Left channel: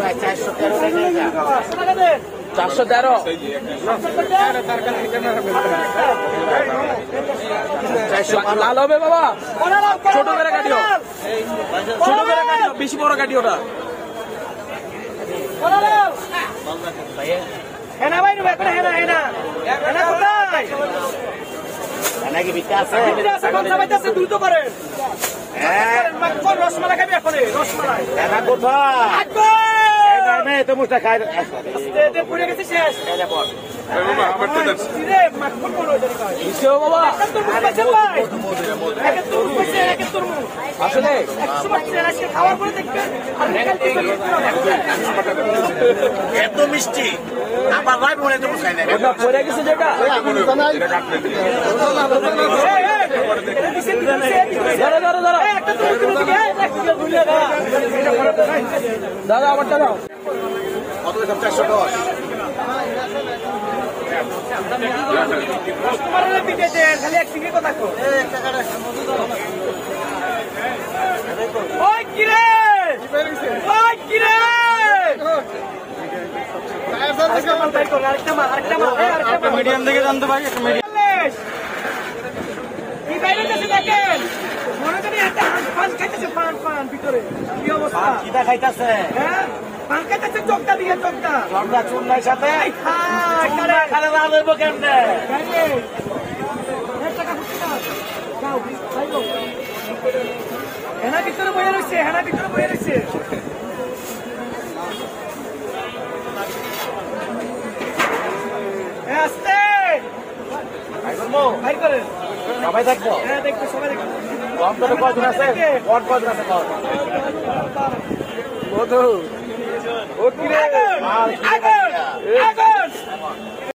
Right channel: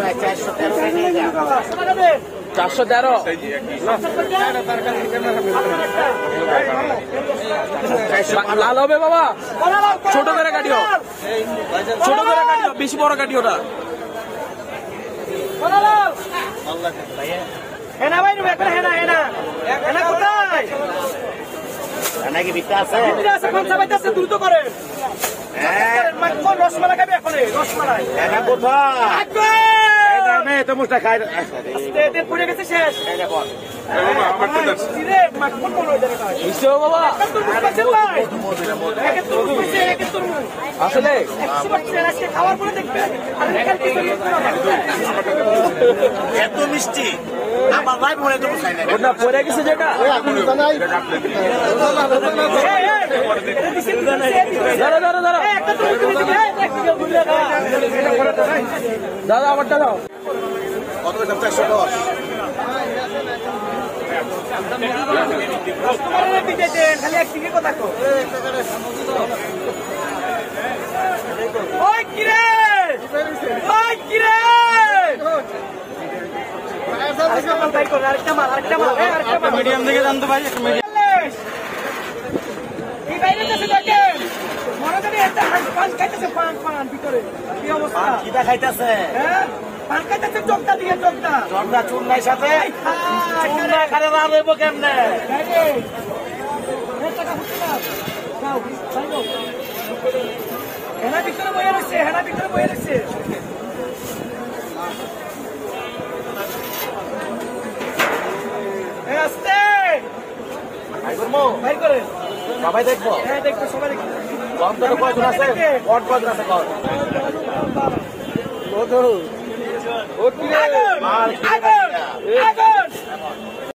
ভাই 413 হবে বাবা, ছোট করে কাটিও, ছোট করে কাটিও, বেশি বড় কাটিও না। নাকি বিকা আছে দ্রুত করেন। রসমালাই খাবি এখন রসমালাই কোথায় তো মুখটা খাই পুড়ে গেছে শেষ। এত মিষ্টি আমার ভাই মনে তো খাই না পড়ে গেছে যেটা দাদা কত 410 খালি এক চিনি কথা কো ওই কিরে আরেকটা মাল বাই কর আরেকটা মাল মিডিয়াম দিকে জানতে ভাই একটা মিডিয়াম এই বাইরে যাচ্ছে দেখেন মনে করি একটা পান খাইতেছে পান ভিতরে কি অবস্থা কিটা খাইতাছে হ্যাঁ পান খাইতেছে চোখটা দিকে চোখটা আমরা চুন্নার সাথে চুন্না খালে লাল হইব কেমনে হেনা ভিতরে বয়ে রয়েছে আসতে ভাই করে সবাই দেখবো হ্যাঁ দেখবো সবাই দেখবো কয়জন আছে কয়জন আছে আগুন